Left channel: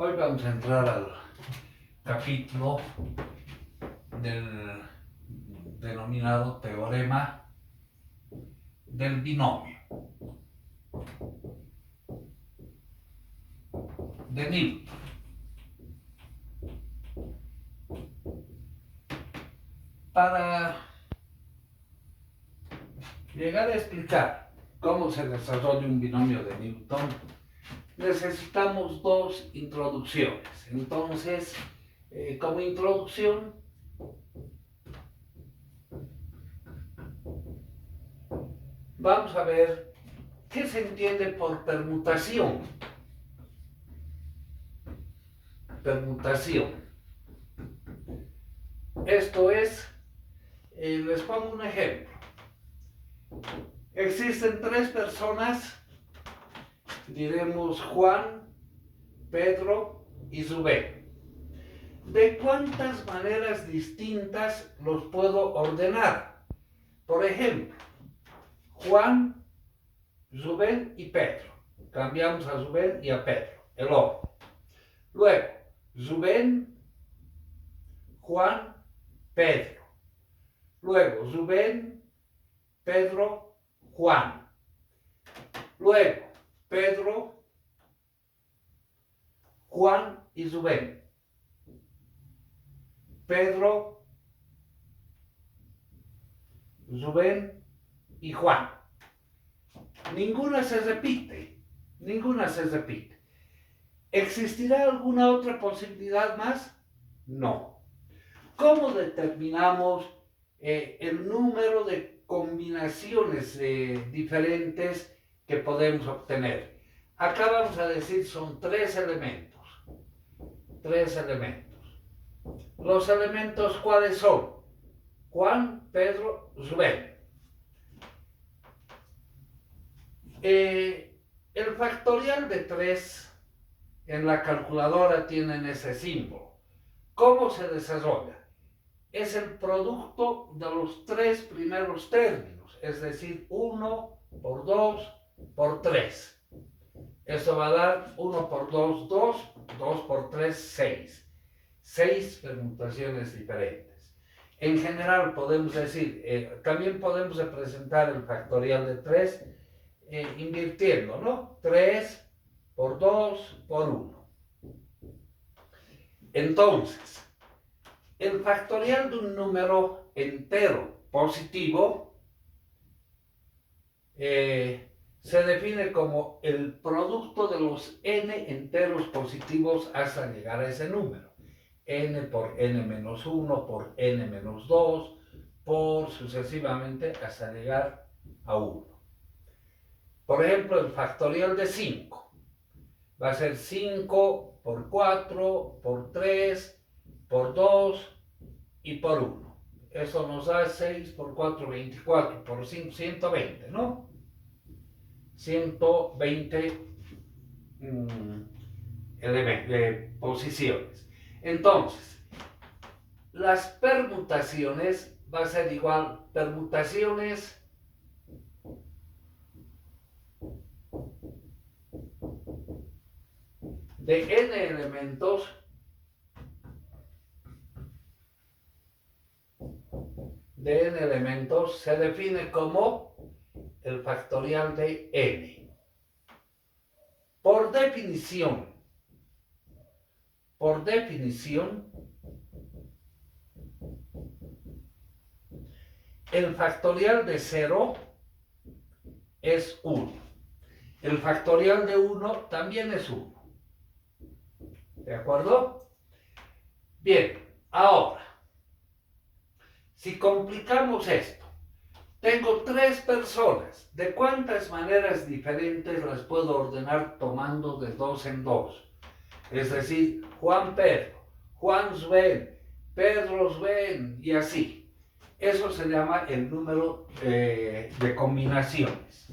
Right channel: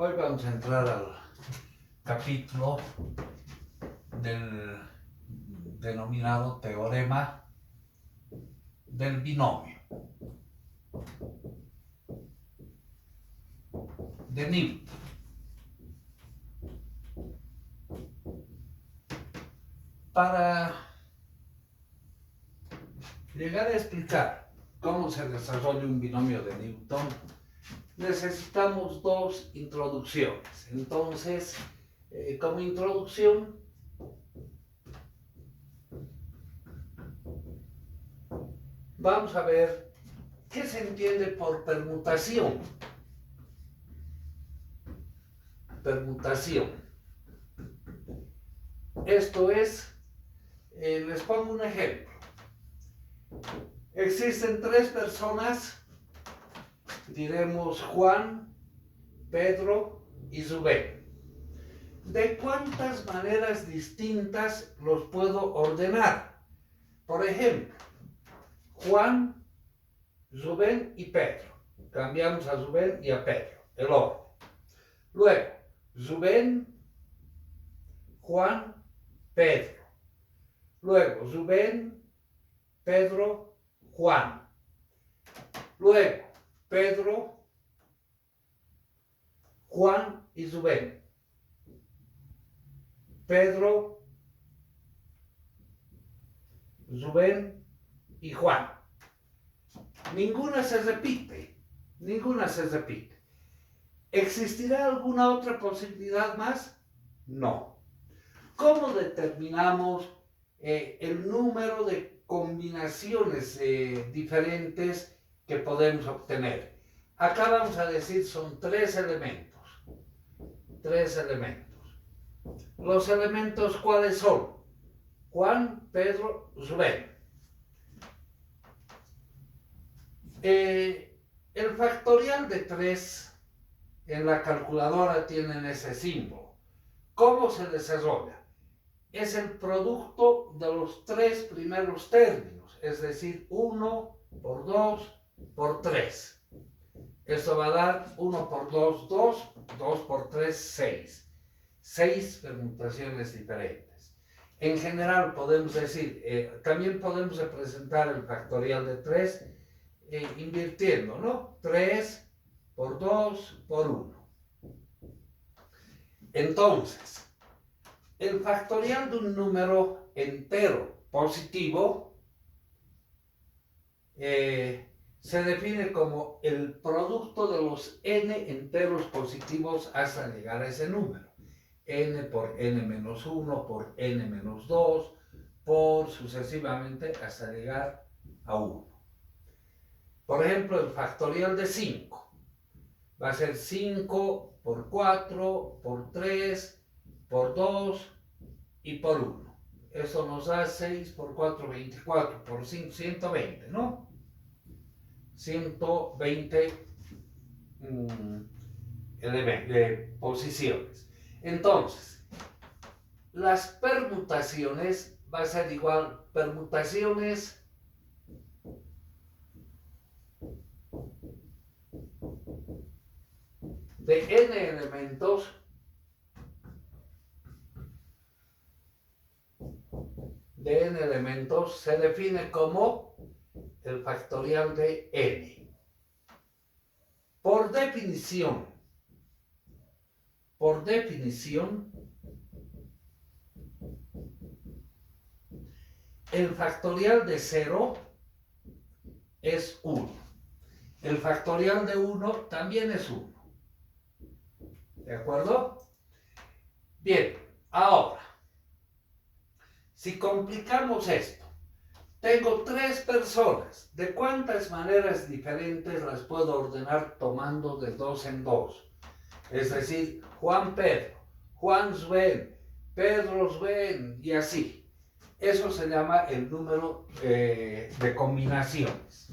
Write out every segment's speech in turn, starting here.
Hoy vamos a entrar al capítulo del denominado teorema del binomio de Newton. Para llegar a explicar cómo se desarrolla un binomio de Newton, necesitamos dos introducciones. Entonces, como introducción, vamos a ver qué se entiende por permutación. Permutación. Esto es, les pongo un ejemplo. Existen tres personas, diremos Juan, Pedro y Rubén. ¿De cuántas maneras distintas los puedo ordenar? Por ejemplo, Juan, Rubén y Pedro. Cambiamos a Rubén y a Pedro, el orden. Luego, Rubén, Juan, Pedro. Luego, Rubén, Pedro, Juan. Luego, Pedro, Juan y Rubén. Pedro, Rubén y Juan. Ninguna se repite. ¿Existirá alguna otra posibilidad más? No. ¿Cómo determinamos el número de combinaciones diferentes que podemos obtener? Acá vamos a decir son tres elementos. Los elementos, ¿cuáles son? Juan, Pedro, Rubén. El factorial de 3 en la calculadora tienen ese símbolo. ¿Cómo se desarrolla? Es el producto de los tres primeros términos, es decir, 1 por 2 por 3. Esto va a dar 1 por 2, 2, 2 por 3, 6. 6 permutaciones diferentes. En general podemos decir, también podemos representar el factorial de 3 invirtiendo, ¿no? 3 por 2 por 1. Entonces, el factorial de un número entero positivo se define como el producto de los n enteros positivos hasta llegar a ese número. N por n menos 1, por n menos 2, por sucesivamente hasta llegar a 1. Por ejemplo, el factorial de 5 va a ser 5 por 4, por 3, por 2 y por 1. Eso nos da 6 por 4, 24, por 5, 120, ¿no? 120 posiciones. Entonces, las permutaciones va a ser igual permutaciones de n elementos se define como el factorial de n. Por definición, el factorial de 0 es 1. El factorial de 1 también es 1. ¿De acuerdo? Bien, ahora, si complicamos esto, tengo tres personas. ¿De cuántas maneras diferentes las puedo ordenar tomando de 2 en 2? Es decir, Juan Pedro, Juan Rubén, Pedro Rubén y así. Eso se llama el número de combinaciones.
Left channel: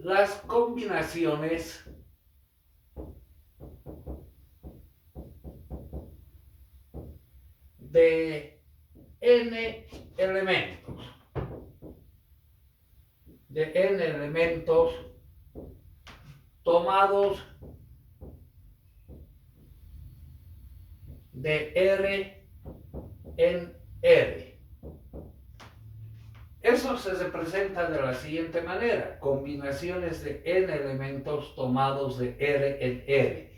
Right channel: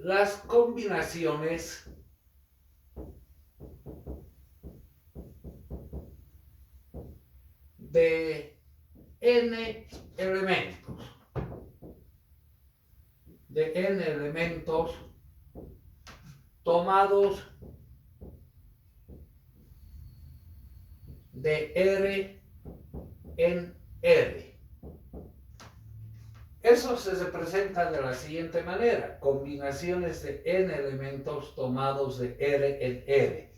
Las combinaciones de n elementos. De n elementos tomados de R en R. Eso se representa de la siguiente manera: combinaciones de n elementos tomados de R en R.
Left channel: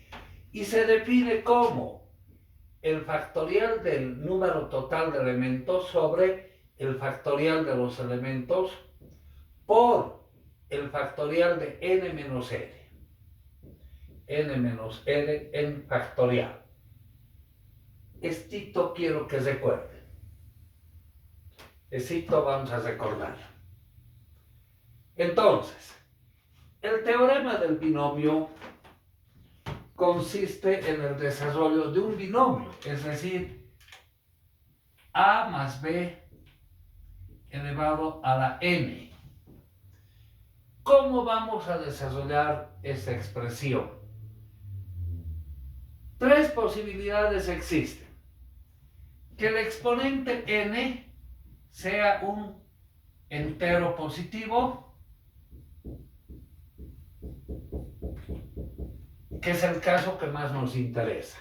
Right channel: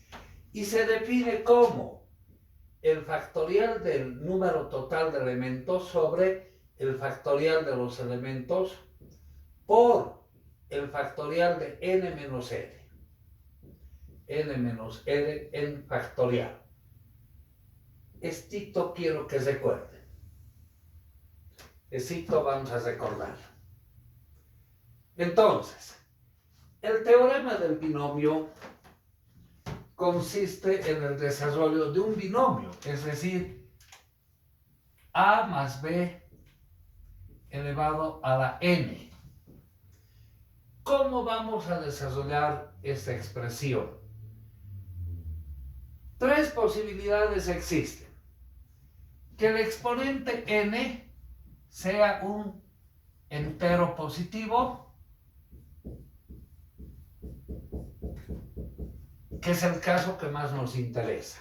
Y se define como el factorial del número total de elementos sobre el factorial de los elementos por el factorial de n menos r. N menos r en factorial. Esto quiero que recuerden. Esto vamos a recordar. Entonces, el teorema del binomio consiste en el desarrollo de un binomio, es decir, a más b elevado a la n. ¿Cómo vamos a desarrollar esta expresión? Tres posibilidades existen. Que el exponente n sea un entero positivo, que es el caso que más nos interesa.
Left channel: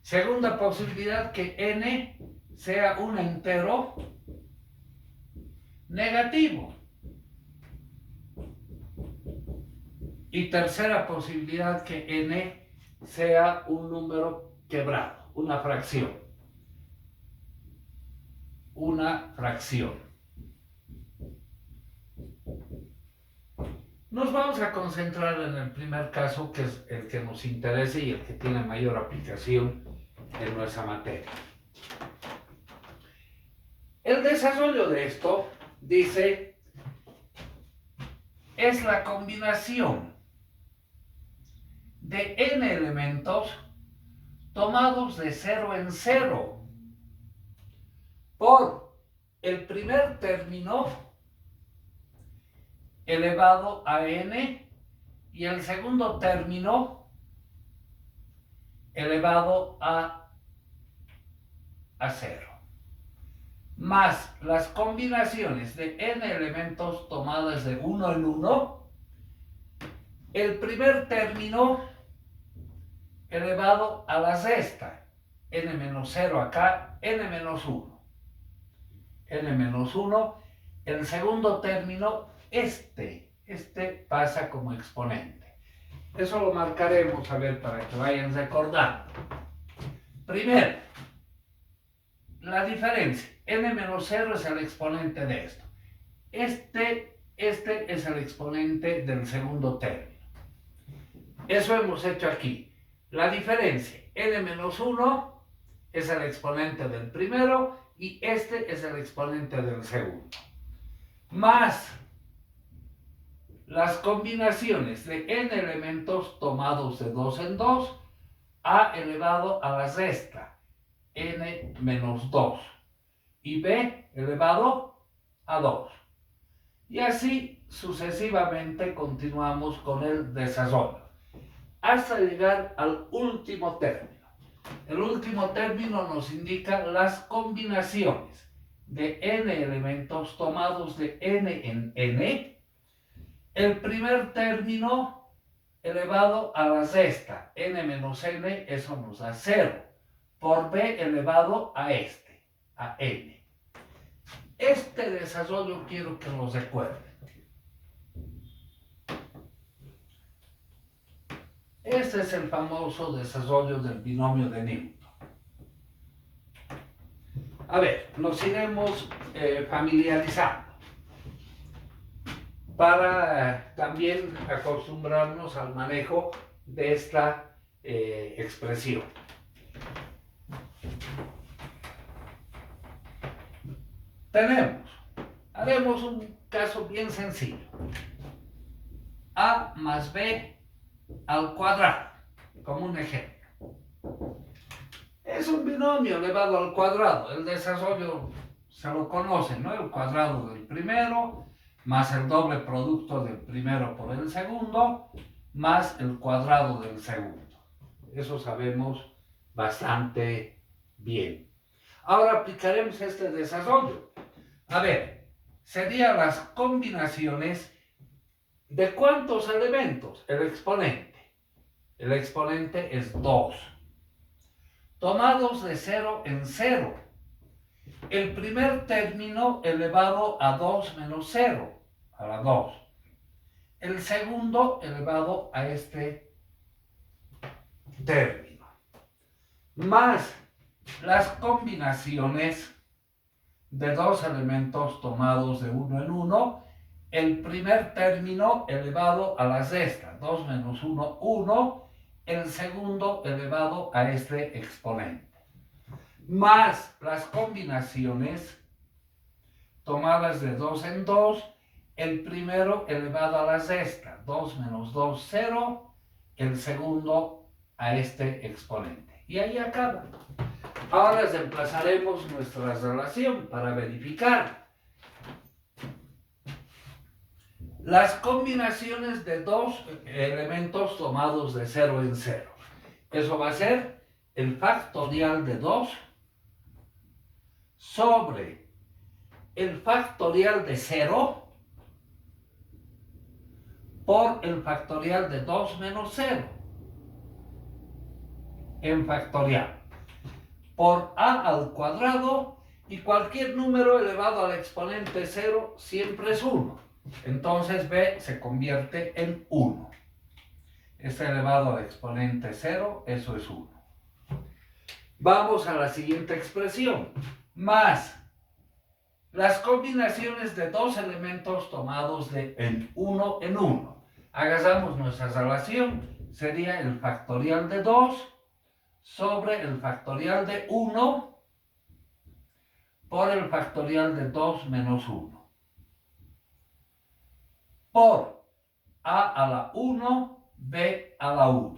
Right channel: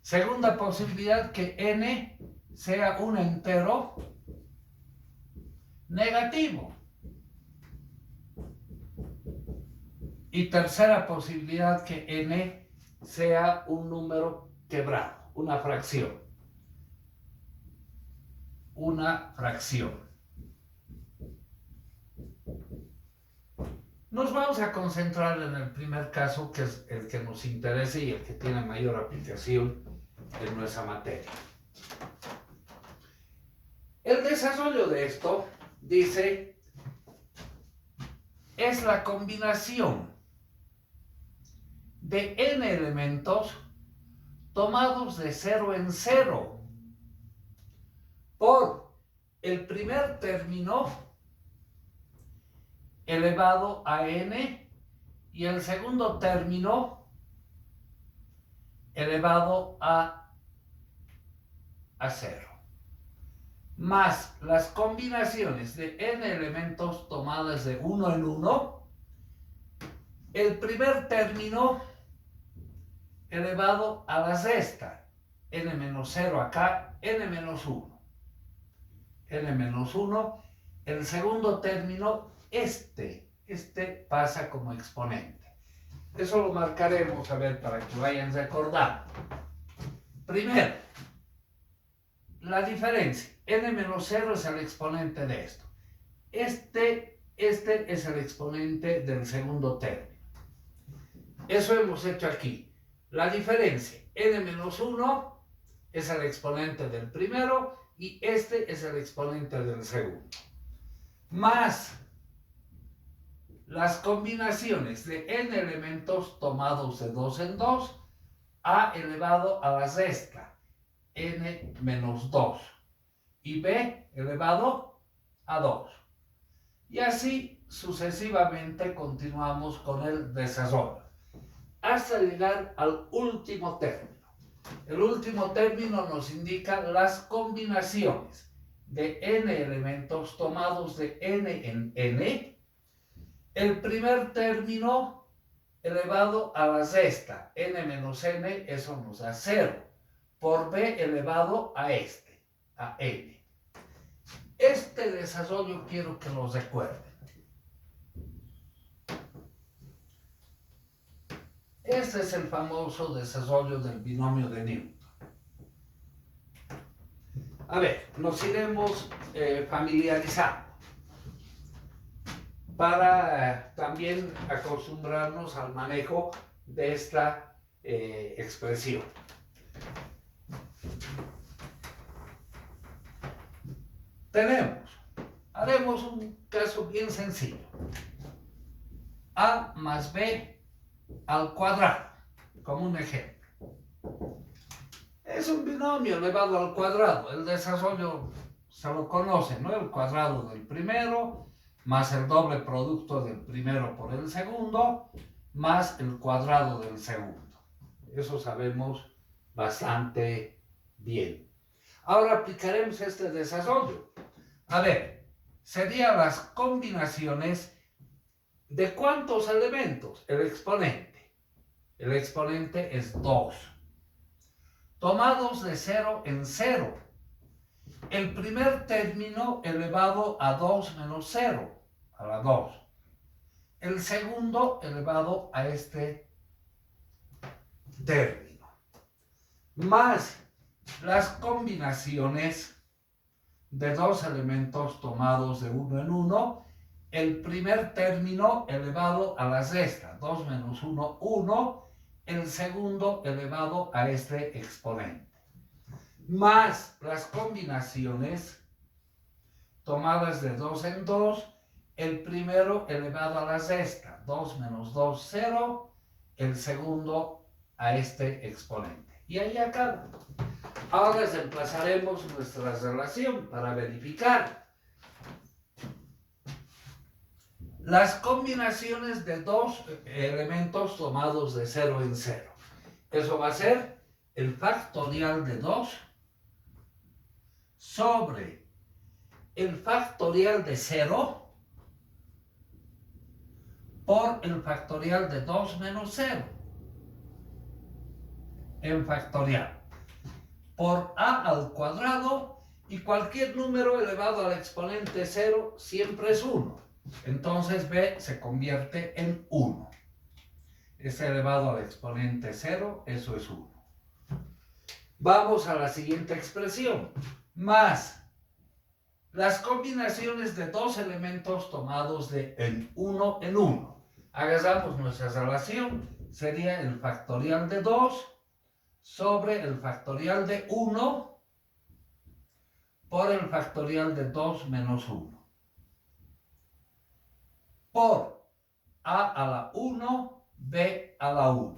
Segunda posibilidad, que n sea un entero negativo. Y tercera posibilidad, que n sea un número quebrado, una fracción. Una fracción. Nos vamos a concentrar en el primer caso, que es el que nos interesa y el que tiene mayor aplicación en nuestra materia. El desarrollo de esto, dice, es la combinación de n elementos tomados de 0 en 0 por el primer término elevado a n y el segundo término elevado a 0, más las combinaciones de n elementos tomadas de 1 en 1, el primer término elevado a la sexta, n menos 0 acá, n menos 1. N menos 1, el segundo término, este pasa como exponente. Eso lo marcaremos, a ver, para que vayan recordando. Primero, la diferencia. N menos 0 es el exponente de esto. Este es el exponente del segundo término. Eso hemos hecho aquí. La diferencia, n menos 1 es el exponente del primero y este es el exponente del segundo. Más las combinaciones de n elementos tomados de 2 en 2, a elevado a la sexta, n menos 2, y b elevado a 2. Y así sucesivamente continuamos con el desarrollo, hasta llegar al último término. El último término nos indica las combinaciones de n elementos tomados de n en n. El primer término elevado a la sexta, n menos n, eso nos da 0, por b elevado a a n. Este desarrollo quiero que lo recuerden. Este es el famoso desarrollo del binomio de Newton. A ver, nos iremos familiarizando para también acostumbrarnos al manejo de esta expresión. Haremos un caso bien sencillo. A más b al cuadrado, como un ejemplo. Es un binomio elevado al cuadrado. El desarrollo se lo conocen, ¿no? El cuadrado del primero, más el doble producto del primero por el segundo, más el cuadrado del segundo. Eso sabemos bastante bien. Ahora aplicaremos este desarrollo. A ver, serían las combinaciones de ¿cuántos elementos? El exponente. El exponente es 2. Tomados de 0 en 0. El primer término elevado a 2 menos 0, a la 2. El segundo elevado a este término. Más las combinaciones de dos elementos tomados de 1 en 1. El primer término elevado a la resta, 2 menos 1, 1. El segundo elevado a este exponente. Más las combinaciones tomadas de 2 en 2, el primero elevado a la resta, 2 menos 2, 0, el segundo a este exponente. Y ahí acaba. Ahora reemplazaremos nuestra relación para verificar. Las combinaciones de dos elementos tomados de 0 en 0. Eso va a ser el factorial de 2 sobre el factorial de 0 por el factorial de 2 menos 0 en factorial por a al cuadrado, y cualquier número elevado al exponente 0 siempre es 1. Entonces b se convierte en 1. Este elevado al exponente 0, eso es 1. Vamos a la siguiente expresión. Más las combinaciones de dos elementos tomados de en 1 en 1. Hagamos nuestra relación. Sería el factorial de 2 sobre el factorial de 1 por el factorial de 2 menos 1. Por a a la 1, b a la 1.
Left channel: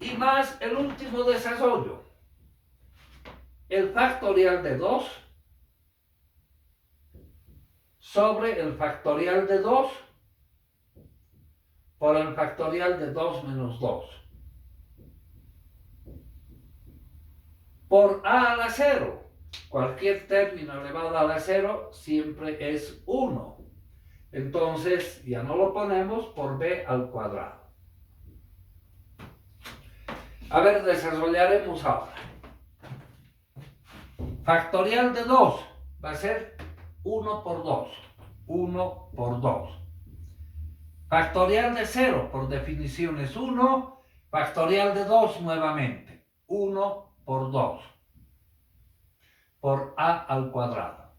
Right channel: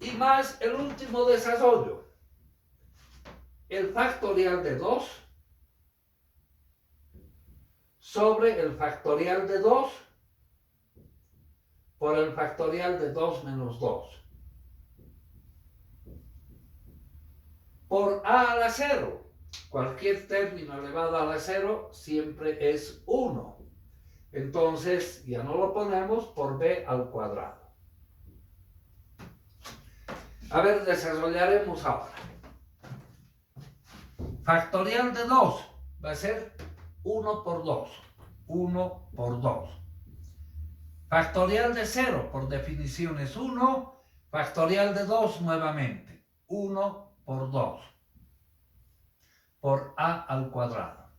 Y más el último desarrollo. El factorial de 2 sobre el factorial de 2 por el factorial de 2 menos 2. Por a la 0. Cualquier término elevado a la 0 siempre es 1. Entonces ya no lo ponemos por b al cuadrado. A ver, desarrollaremos ahora. Factorial de 2 va a ser 1 por 2. 1 por 2. Factorial de 0 por definición es 1. Factorial de 2 nuevamente. 1 por 2. Por a al cuadrado.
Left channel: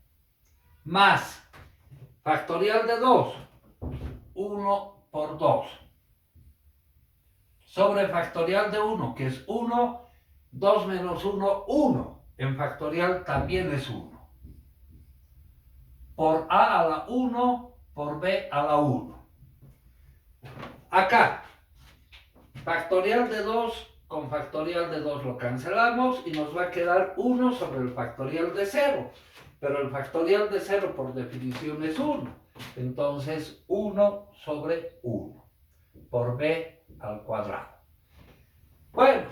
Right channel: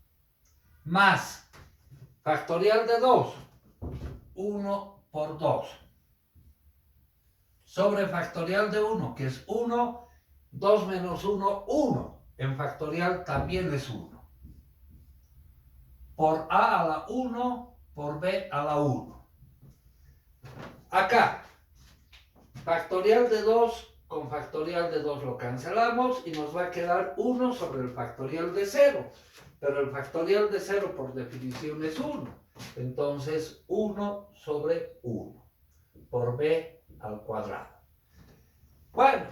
Más factorial de 2. 1 por 2. Sobre factorial de 1, que es 1. 2 menos 1, 1. En factorial también es 1. Por a a la 1, por b a la 1. Acá, factorial de 2 con factorial de 2 lo cancelamos y nos va a quedar 1 sobre el factorial de 0. Pero el factorial de 0 por definición es 1. Entonces 1 sobre 1 por b al cuadrado. Bueno,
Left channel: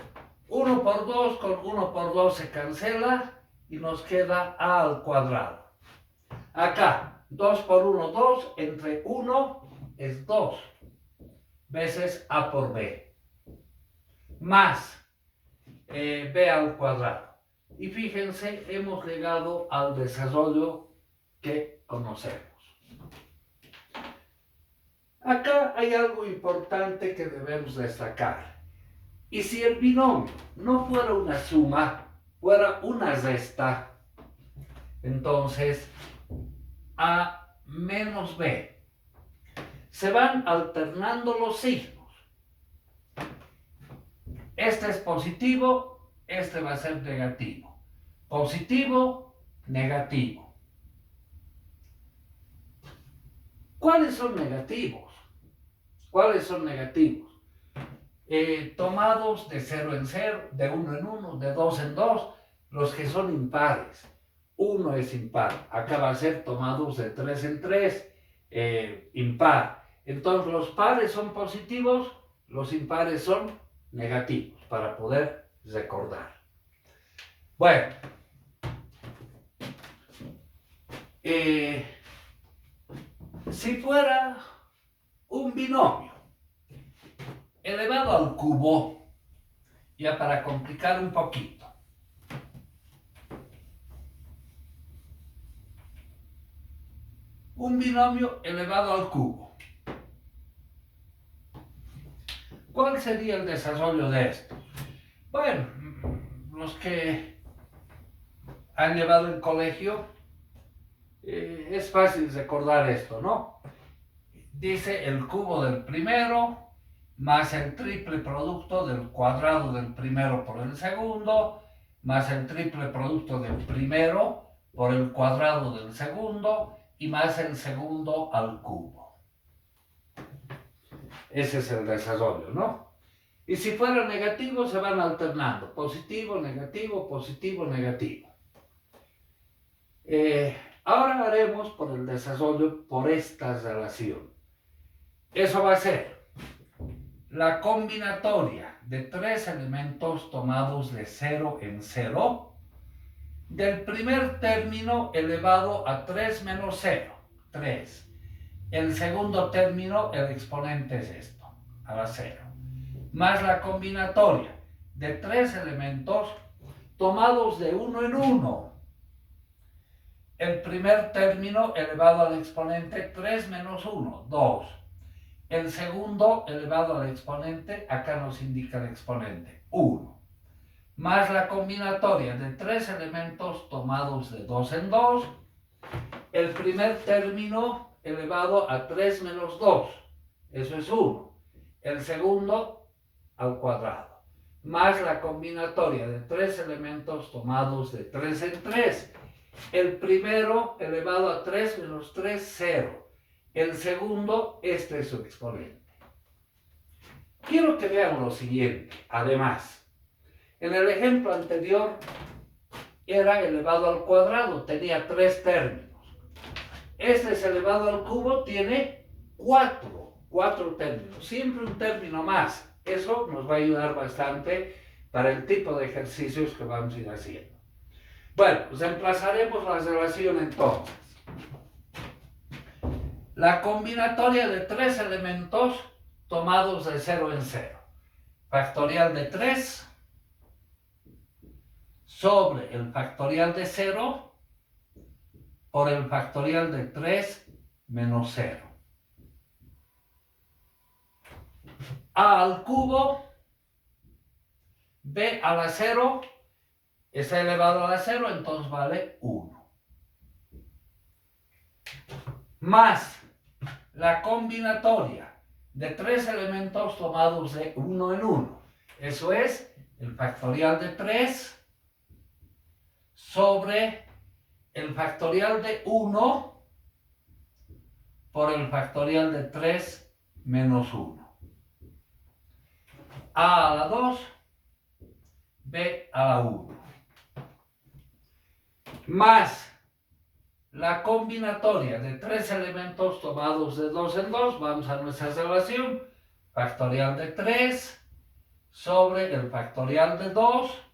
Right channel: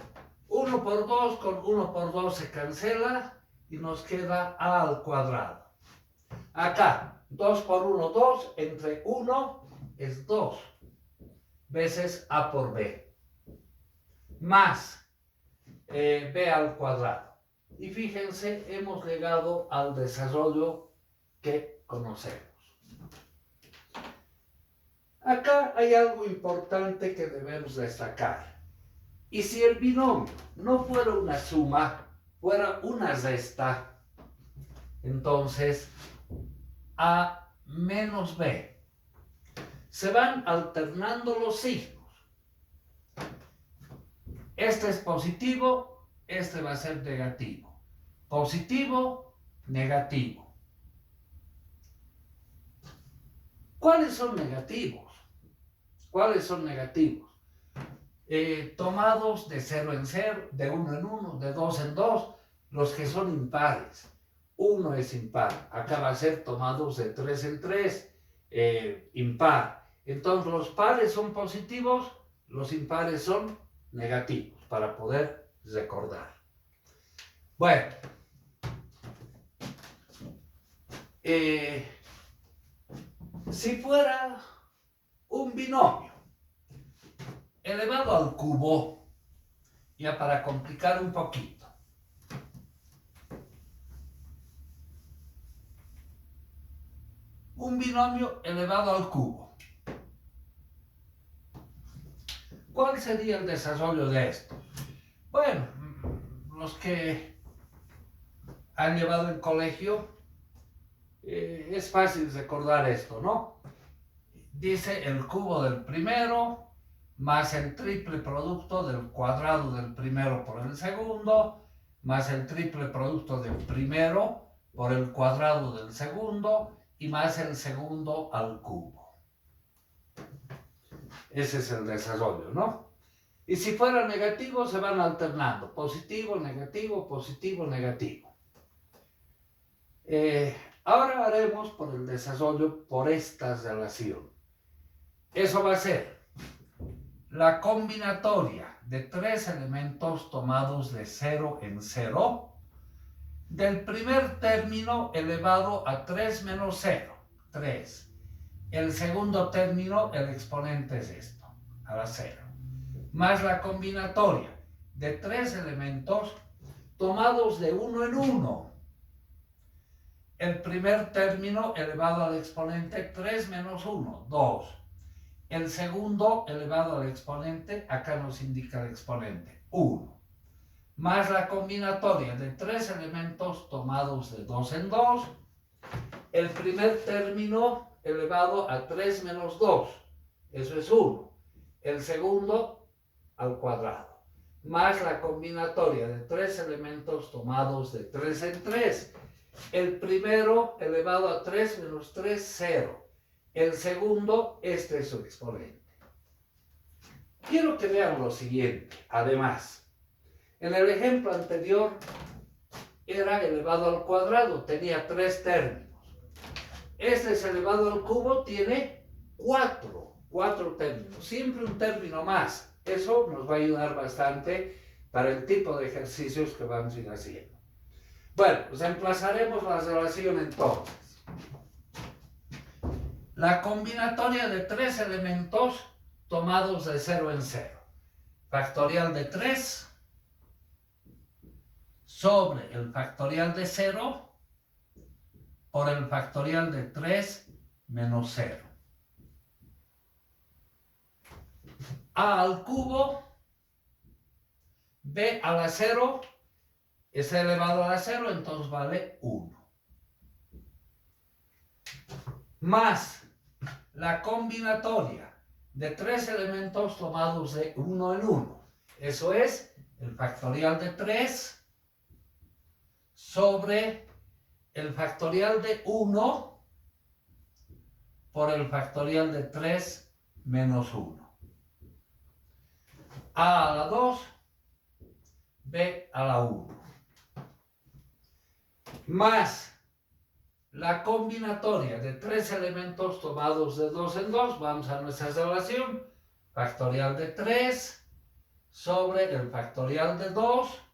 1 por 2 con 1 por 2 se cancela y nos queda a al cuadrado. Acá, 2 por 1, 2, entre 1 es 2 veces a por b. Más b al cuadrado. Y fíjense, hemos llegado al desarrollo que conocemos. Acá hay algo importante que debemos destacar. Y si el binomio no fuera una suma, fuera una resta, entonces a menos b. Se van alternando los signos. Este es positivo, este va a ser negativo. Positivo, negativo. ¿Cuáles son negativos? ¿Cuáles son negativos? Tomados de 0 en 0, de 1 en 1, de 2 en 2, los que son impares. 1 es impar. Acá va a ser tomados de 3 en 3, impar. Entonces los pares son positivos, los impares son negativos, para poder recordar. Bueno, si fuera un binomio elevado al cubo, ya para complicar un poquito, un binomio elevado al cubo, ¿cuál sería el desarrollo de esto? Bueno, los que han llevado el colegio, es fácil recordar esto, ¿no? Dice el cubo del primero más el triple producto del cuadrado del primero por el segundo, más el triple producto del primero por el cuadrado del segundo y más el segundo al cubo. Ese es el desarrollo, ¿no? Y si fuera negativo se van alternando, positivo, negativo, positivo, negativo. Ahora haremos por el desarrollo por esta relación. Eso va a ser la combinatoria de tres elementos tomados de 0 en 0 del primer término elevado a 3 menos 0, 3. El segundo término, el exponente es esto, a la 0. Más la combinatoria de tres elementos tomados de 1 en 1. El primer término elevado al exponente 3 menos 1, 2. El segundo elevado al exponente, acá nos indica el exponente, 1. Más la combinatoria de tres elementos tomados de 2 en 2. El primer término elevado a 3 menos 2, eso es 1. El segundo al cuadrado. Más la combinatoria de tres elementos tomados de 3 en 3. El primero elevado a 3 menos 3, 0. El segundo, este es su exponente. Quiero que vean lo siguiente, además. En el ejemplo anterior era elevado al cuadrado, tenía 3 términos. Este es elevado al cubo, tiene 4 términos, siempre un término más. Eso nos va a ayudar bastante para el tipo de ejercicios que vamos a ir haciendo. Bueno, pues reemplazaremos la relación entonces. La combinatoria de tres elementos tomados de 0 en 0. Factorial de 3 sobre el factorial de 0 por el factorial de 3 menos 0. A al cubo, b a la 0, está elevado a la 0, entonces vale 1. Más la combinatoria de tres elementos tomados de 1 en 1. Eso es el factorial de 3 sobre el factorial de 1 por el factorial de 3 menos 1. A la 2, b a la 1. Más la combinatoria de tres elementos tomados de 2 en 2, vamos a nuestra relación, factorial de 3 sobre el factorial de 2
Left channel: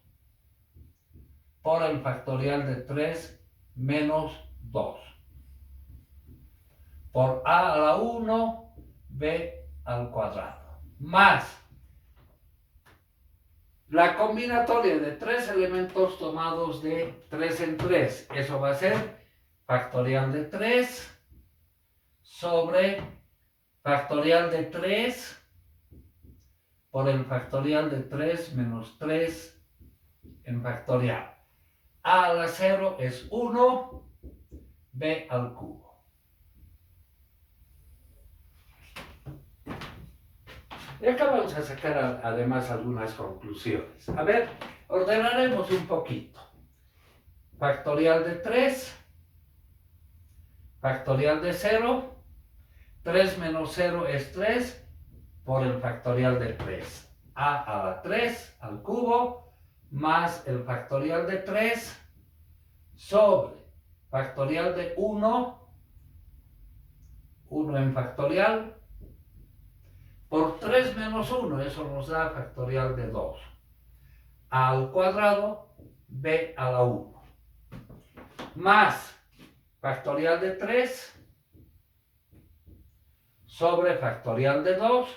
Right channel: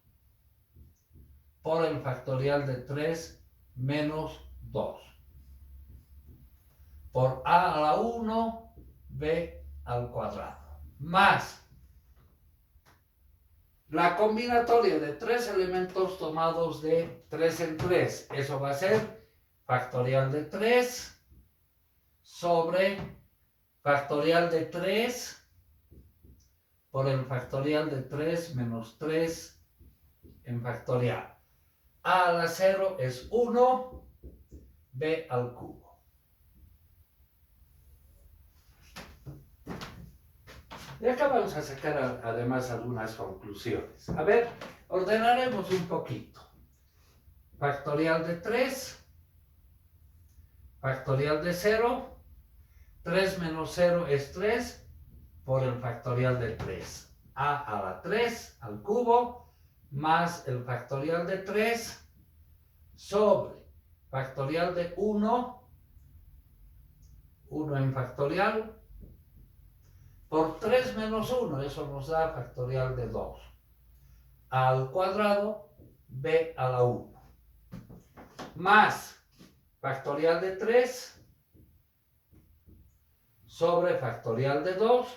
por el factorial de 3 menos 2. Por a la 1, b al cuadrado. Más la combinatoria de tres elementos tomados de 3 en 3. Eso va a ser factorial de 3 sobre factorial de 3 por el factorial de 3 menos 3 en factorial. A a la 0 es 1, b al cubo. Y acá vamos a sacar además algunas conclusiones. A ver, ordenaremos un poquito. Factorial de 3. Factorial de 0, 3 menos 0 es 3 por el factorial de 3. A la 3 al cubo más el factorial de 3 sobre factorial de 1, 1 en factorial, por 3 menos 1, eso nos da factorial de 2. A al cuadrado b a la 1 más factorial de 3 sobre factorial de 2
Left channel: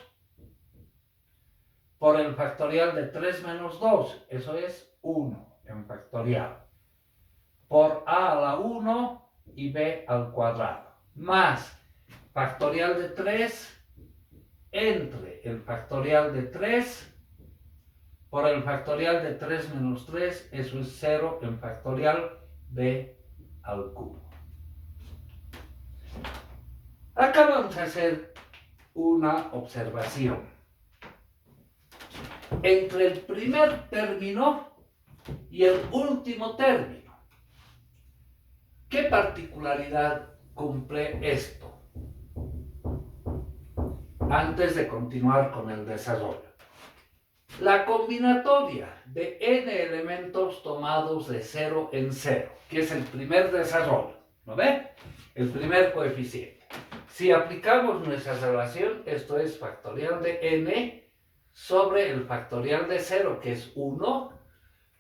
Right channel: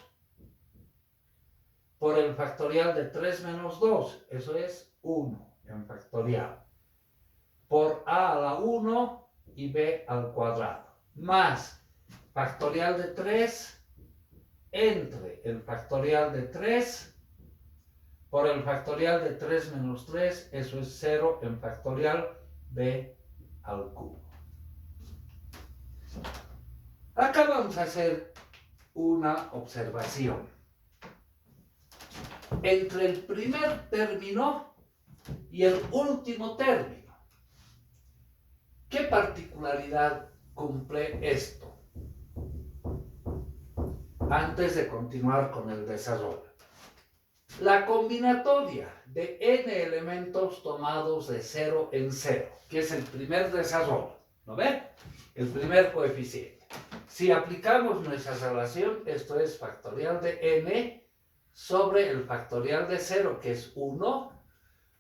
por el factorial de 3 menos 2, eso es 1 en factorial, por a la 1 y b al cuadrado, más factorial de 3 entre el factorial de 3 por el factorial de 3 menos 3, eso es 0 en factorial b al cubo. Acá vamos a hacer una observación. Entre el primer término y el último término, ¿qué particularidad cumple esto? Antes de continuar con el desarrollo. La combinatoria de n elementos tomados de 0 en 0, que es el primer desarrollo, ¿no ve? El primer coeficiente. Si aplicamos nuestra relación, esto es factorial de n sobre el factorial de 0, que es 1,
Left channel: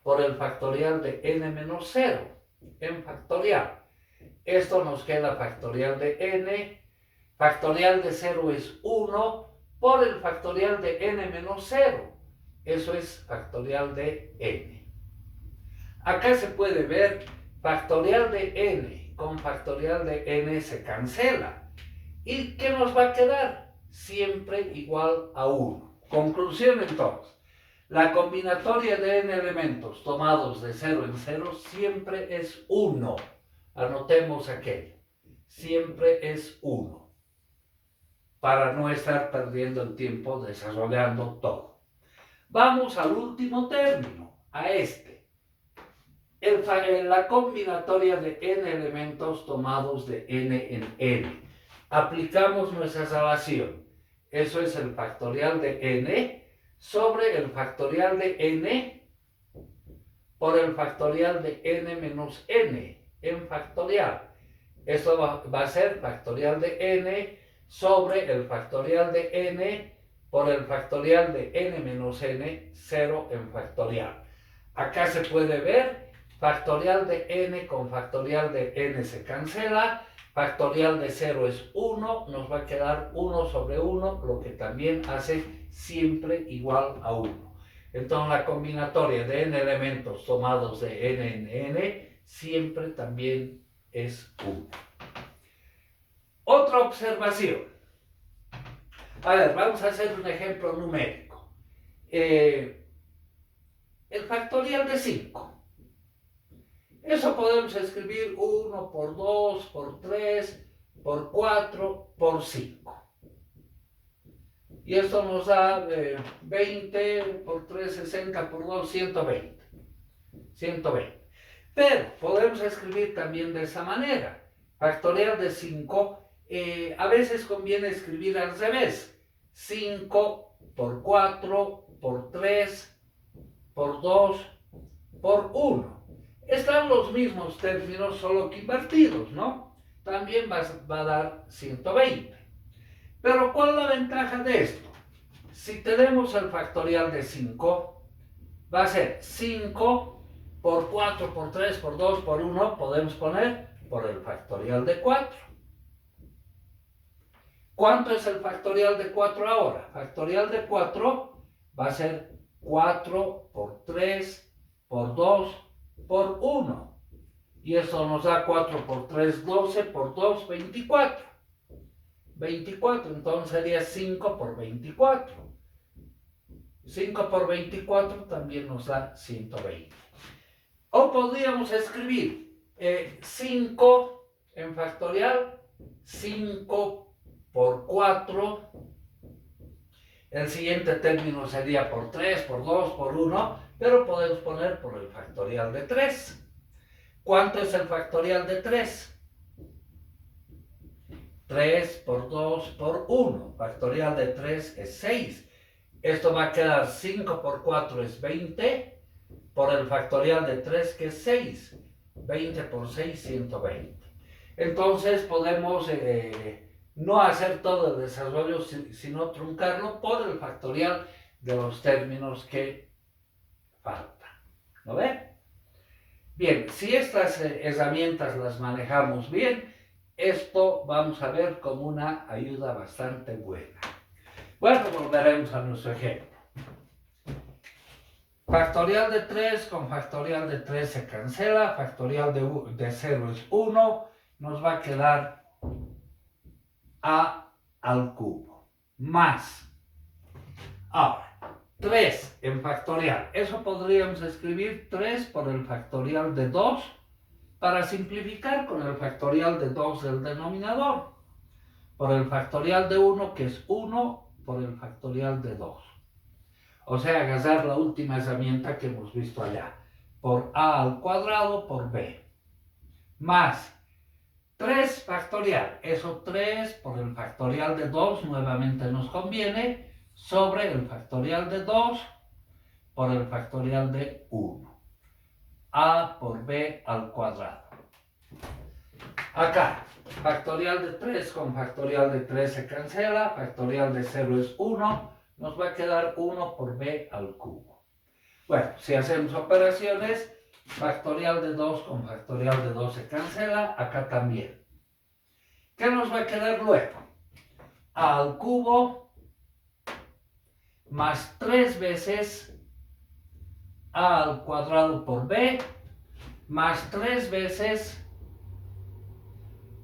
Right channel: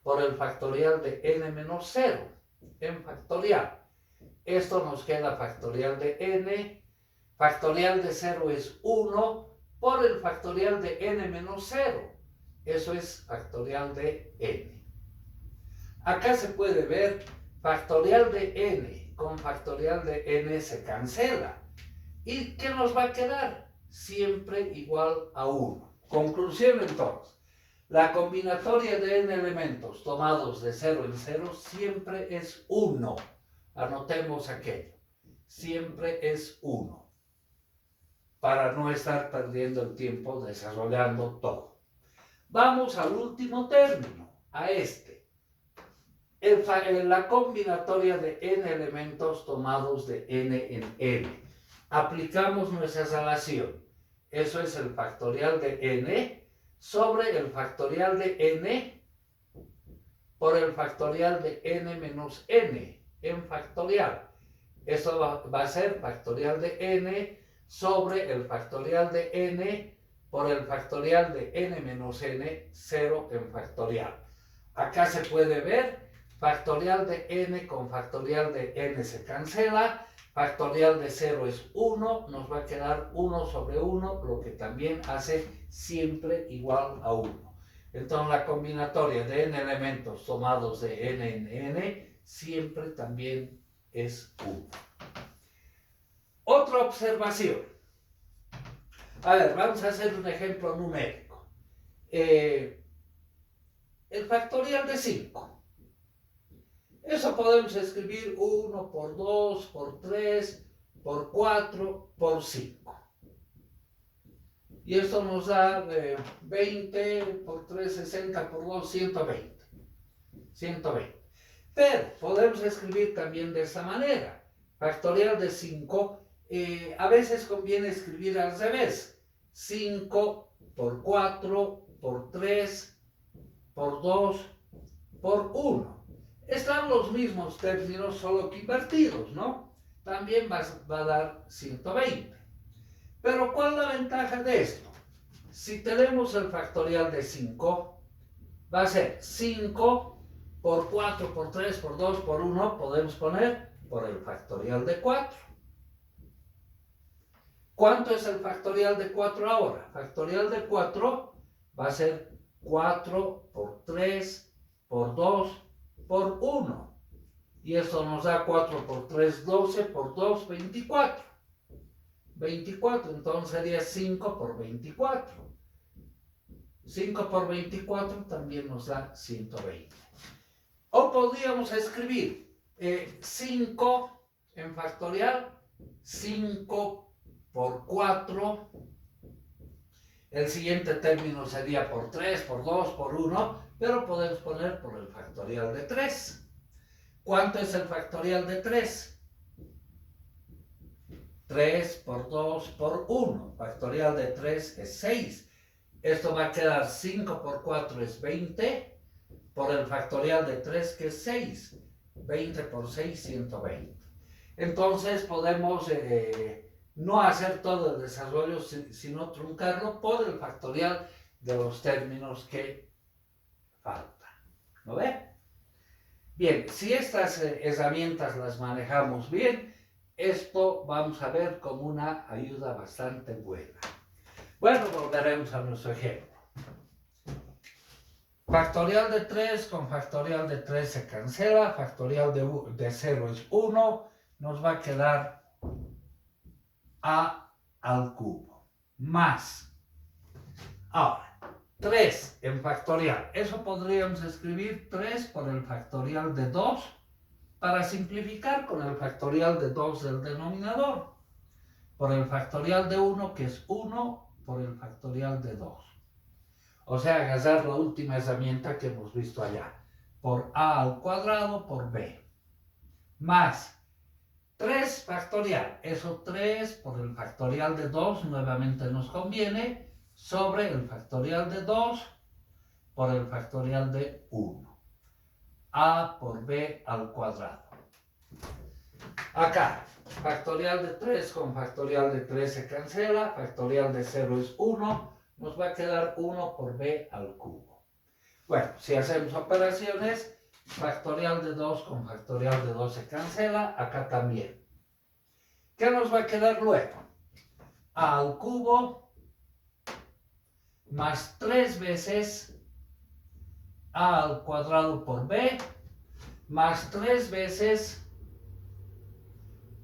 por el factorial de n menos 0, en factorial. Esto nos queda factorial de n, factorial de 0 es 1, por el factorial de n menos 0. Eso es factorial de n. Acá se puede ver factorial de n con factorial de n se cancela. ¿Y qué nos va a quedar? Siempre igual a 1. Conclusión entonces. La combinatoria de n elementos tomados de 0 en 0 siempre es 1. Anotemos aquello. Siempre es 1. Para no estar perdiendo el tiempo desarrollando todo. Vamos al último término, a este. La combinatoria de n elementos tomados de n en n. Aplicamos nuestra relación. Eso es el factorial de n sobre el factorial de n por el factorial de n menos n en factorial. Eso va a ser factorial de n sobre el factorial de n por el factorial de n menos n, 0 en factorial. Acá se puede ver, factorial de n con factorial de n se cancela, factorial de 0 es 1, nos va a quedar 1 sobre 1, lo que también hace siempre igual a 1. Entonces la combinatoria de n elementos tomados de n en n siempre también es 1. Otra observación. A ver, vamos a hacer un ejemplo numérico. El factorial de 5. Eso podemos escribir 1 por 2, por 3, por 4, por 5. Y esto nos da 20 por 3, 60, por 2, 120. 120. Pero podemos escribir también de esa manera. Factorial de 5. A veces conviene escribir al revés. 5 por 4, por 3, por 2, por 1. Están los mismos términos, solo que invertidos, ¿no? También va a dar 120. Pero ¿cuál es la ventaja de esto? Si tenemos el factorial de 5, va a ser 5 por 4, por 3, por 2, por 1, podemos poner por el factorial de 4. ¿Cuánto es el factorial de 4 ahora? Factorial de 4 va a ser 4 por 3, por 2, por 1. Y esto nos da 4 por 3, 12, por 2, 24. 24, entonces sería 5 por 24. 5 por 24 también nos da 120. O podríamos escribir 5 en factorial, 5 por 4, el siguiente término sería por 3, por 2, por 1, pero podemos poner por el factorial de 3. ¿Cuánto es el factorial de 3? 3 por 2 por 1, factorial de 3 es 6. Esto va a quedar 5 por 4 es 20, por el factorial de 3 que es 6. 20 por 6, 120. Entonces podemos no hacer todo el desarrollo, sino truncarlo por el factorial de los términos que faltan. ¿No ve? Bien, si estas herramientas las manejamos bien, esto vamos a ver como una ayuda bastante buena. Bueno, volveremos a nuestro ejemplo. Factorial de 3 con factorial de 3 se cancela, factorial de 0 es 1, nos va a quedar a al cubo, más. Ahora, 3 en factorial, eso podríamos escribir 3 por el factorial de 2, para simplificar con el factorial de 2 del denominador, por el factorial de 1 que es 1 por el factorial de 2. O sea, agarrar la última herramienta que hemos visto allá, por a al cuadrado por b, más 3 factorial, eso 3 por el factorial de 2 nuevamente nos conviene, sobre el factorial de 2 por el factorial de 1, a por b al cuadrado. Acá, factorial de 3 con factorial de 3 se cancela, factorial de 0 es 1, nos va a quedar 1 por b al cubo. Bueno, si hacemos operaciones, factorial de 2 con factorial de 2 se cancela, acá también. ¿Qué nos va a quedar luego? A al cubo más 3 veces a al cuadrado por b, más 3 veces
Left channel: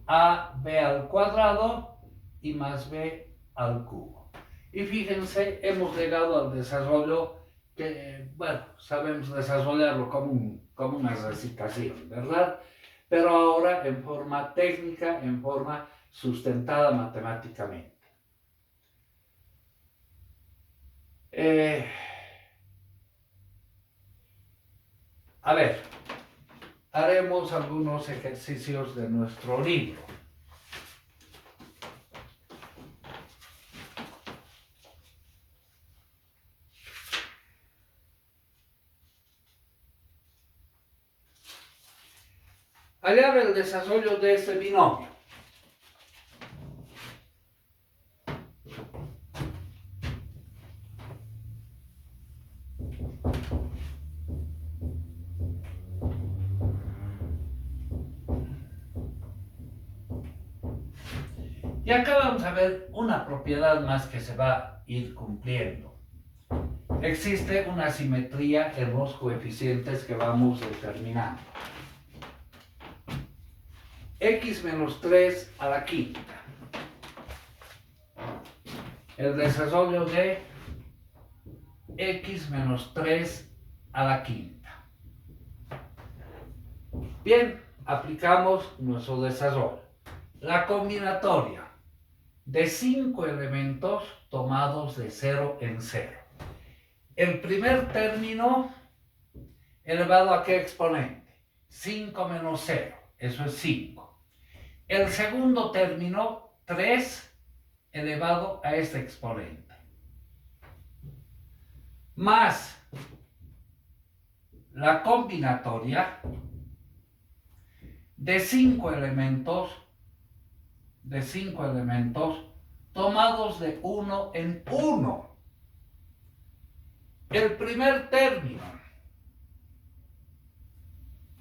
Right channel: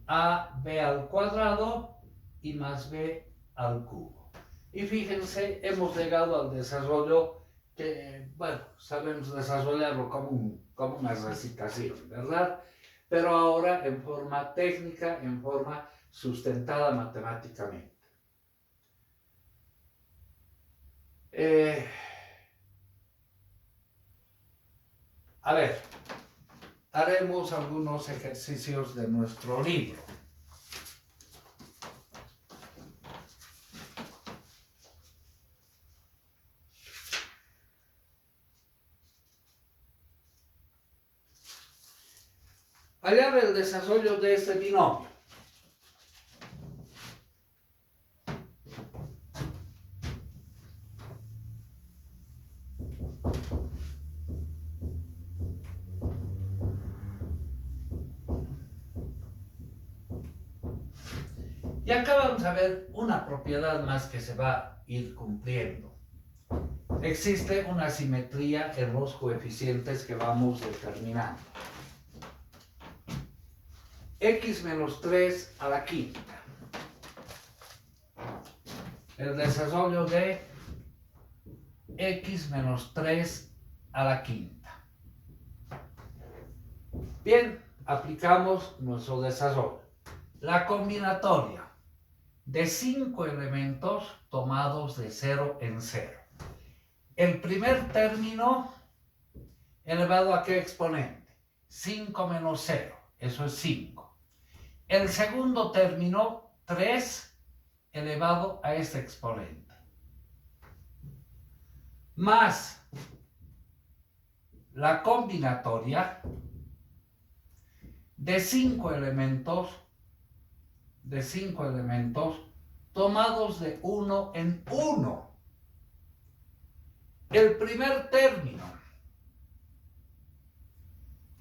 a b al cuadrado y más b al cubo. Y fíjense, hemos llegado al desarrollo que, bueno, sabemos desarrollarlo como una recitación, ¿verdad? Pero ahora en forma técnica, en forma sustentada matemáticamente. A ver, haremos algunos ejercicios de nuestro libro. Hallar el desarrollo de este binomio. Y acá vamos a ver una propiedad más que se va a ir cumpliendo. Existe una simetría en los coeficientes que vamos determinando. X menos 3 a la quinta. El desarrollo de X menos 3 a la quinta. Bien, aplicamos nuestro desarrollo. La combinatoria de 5 elementos tomados de 0 en 0. El primer término elevado a qué exponente? 5 menos 0, eso es 5. El segundo término, 3 elevado a este exponente. Más la combinatoria de 5 elementos tomados de 1 en 1. El primer término,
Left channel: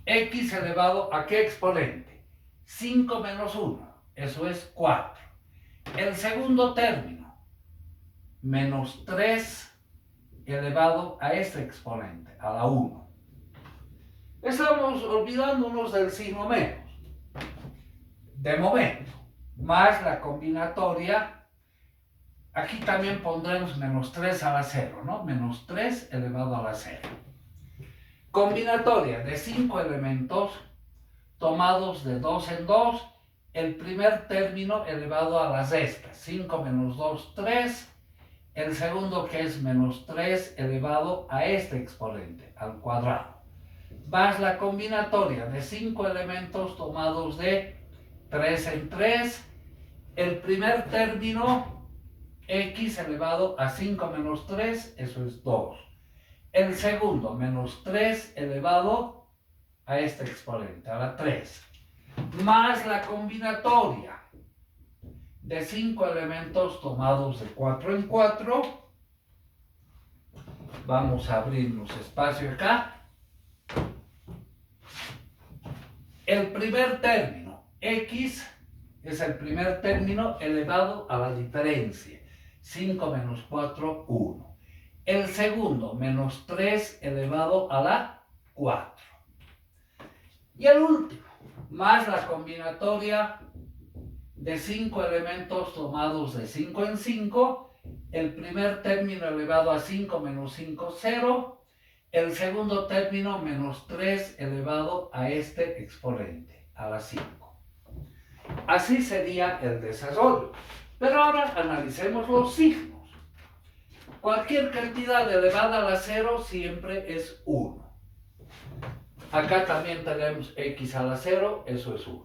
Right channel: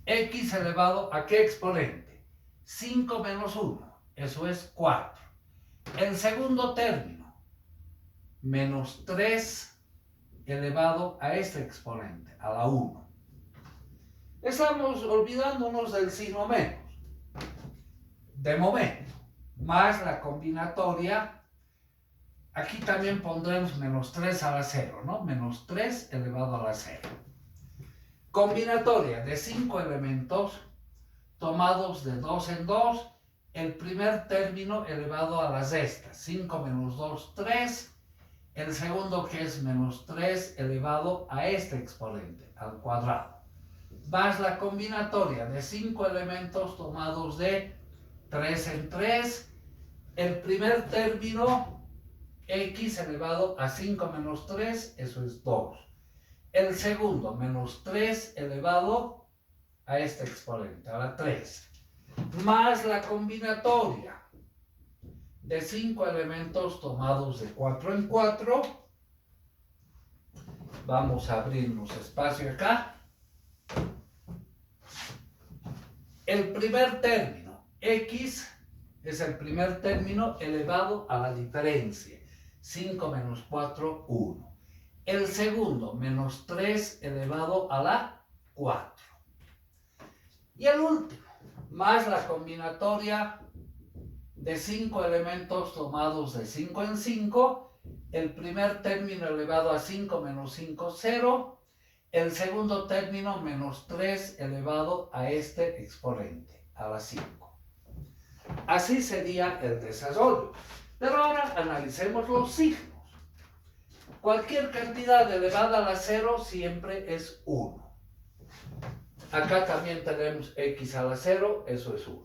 x elevado a qué exponente? 5 menos 1, eso es 4. El segundo término, menos 3 elevado a este exponente, a la 1. Estamos olvidándonos del signo menos, de momento, más la combinatoria. Aquí también pondremos menos 3 a la 0, ¿no? Menos 3 elevado a la 0. Combinatoria de 5 elementos tomados de 2 en 2. El primer término elevado a las restas. 5 menos 2, 3. El segundo, que es menos 3 elevado a este exponente, al cuadrado. Más la combinatoria de 5 elementos tomados de 3 en 3. El primer término, x elevado a 5 menos 3, eso es 2. El segundo, menos 3 elevado a este exponente, a la 3. Más la combinatoria de 5 elementos tomados de 4 en 4. Vamos a abrirnos espacio acá. El primer término, x, es el primer término elevado a la diferencia. 5 menos 4, 1. El segundo, menos 3 elevado a la 4. Y el último, más la combinatoria de 5 elementos tomados de 5 en 5. El primer término elevado a 5 menos 5, 0. El segundo término menos 3 elevado a este exponente, a la 5. Así sería el desarrollo. Pero ahora analicemos los signos. Cualquier cantidad elevada a la 0 siempre es 1. Acá también tenemos x a la 0, eso es 1.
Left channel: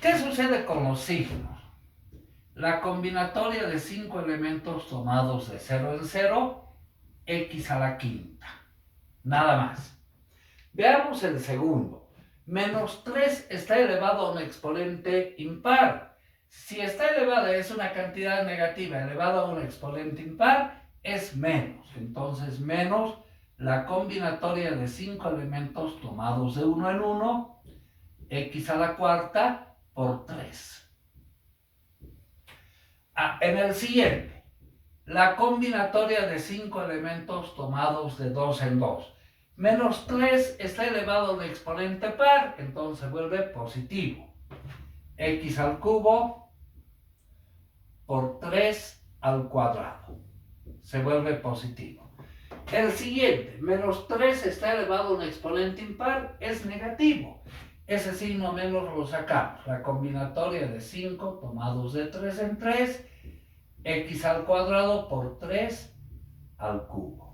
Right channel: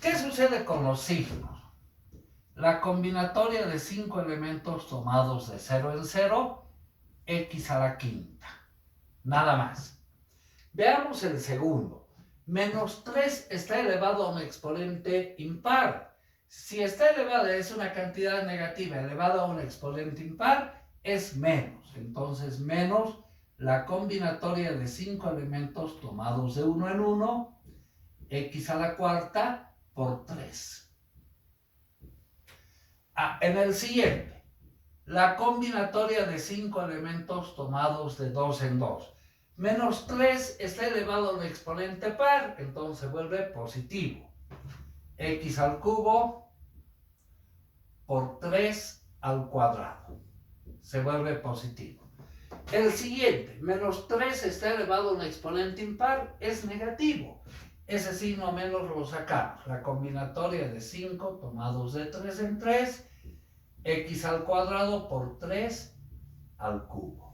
¿Qué sucede con los signos? La combinatoria de 5 elementos tomados de 0 en 0, x a la quinta. Nada más. Veamos el segundo. Menos 3 está elevado a un exponente impar. Si está elevada es una cantidad negativa elevada a un exponente impar, es menos. Entonces, menos la combinatoria de 5 elementos tomados de 1 en 1, x a la cuarta por 3. En el siguiente, la combinatoria de 5 elementos tomados de 2 en 2. Menos 3 está elevado a un exponente par, entonces vuelve positivo. X al cubo por 3 al cuadrado. Se vuelve positivo. El siguiente, menos 3 está elevado a un exponente impar, es negativo. Ese signo menos lo sacamos. La combinatoria de 5 tomados de 3 en 3, x al cuadrado por 3 al cubo.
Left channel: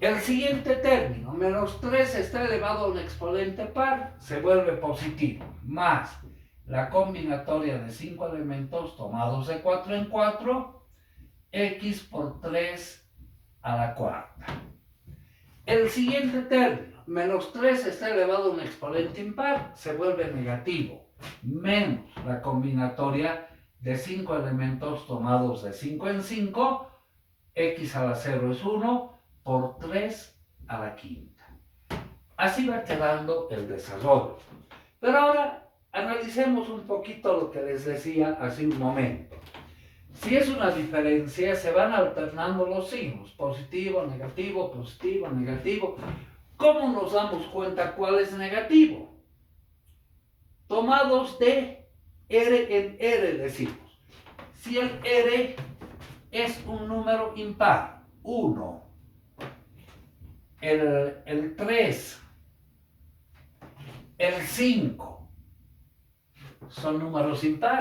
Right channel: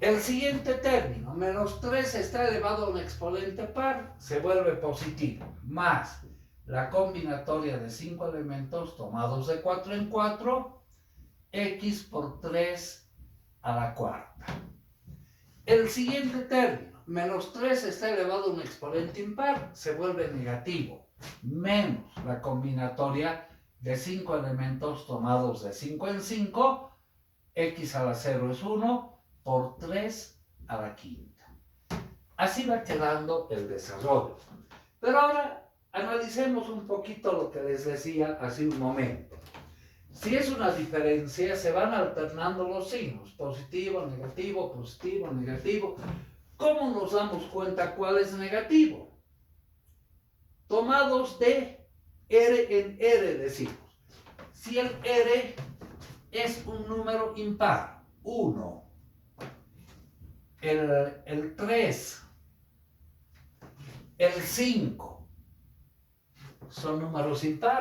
El siguiente término, menos 3 está elevado a un exponente par, se vuelve positivo, más la combinatoria de 5 elementos tomados de 4 en 4, x por 3 a la cuarta. El siguiente término, menos 3 está elevado a un exponente impar, se vuelve negativo, menos la combinatoria de 5 elementos tomados de 5 en 5, x a la 0 es 1, por 3 a la quinta. Así va quedando el desarrollo. Pero ahora analicemos un poquito lo que les decía hace un momento. Si es una diferencia, se van alternando los signos, positivo, negativo, positivo, negativo. ¿Cómo nos damos cuenta cuál es negativo? Tomados de R en R decimos. Si el R es un número impar, 1, el 3, el 5, son números impares.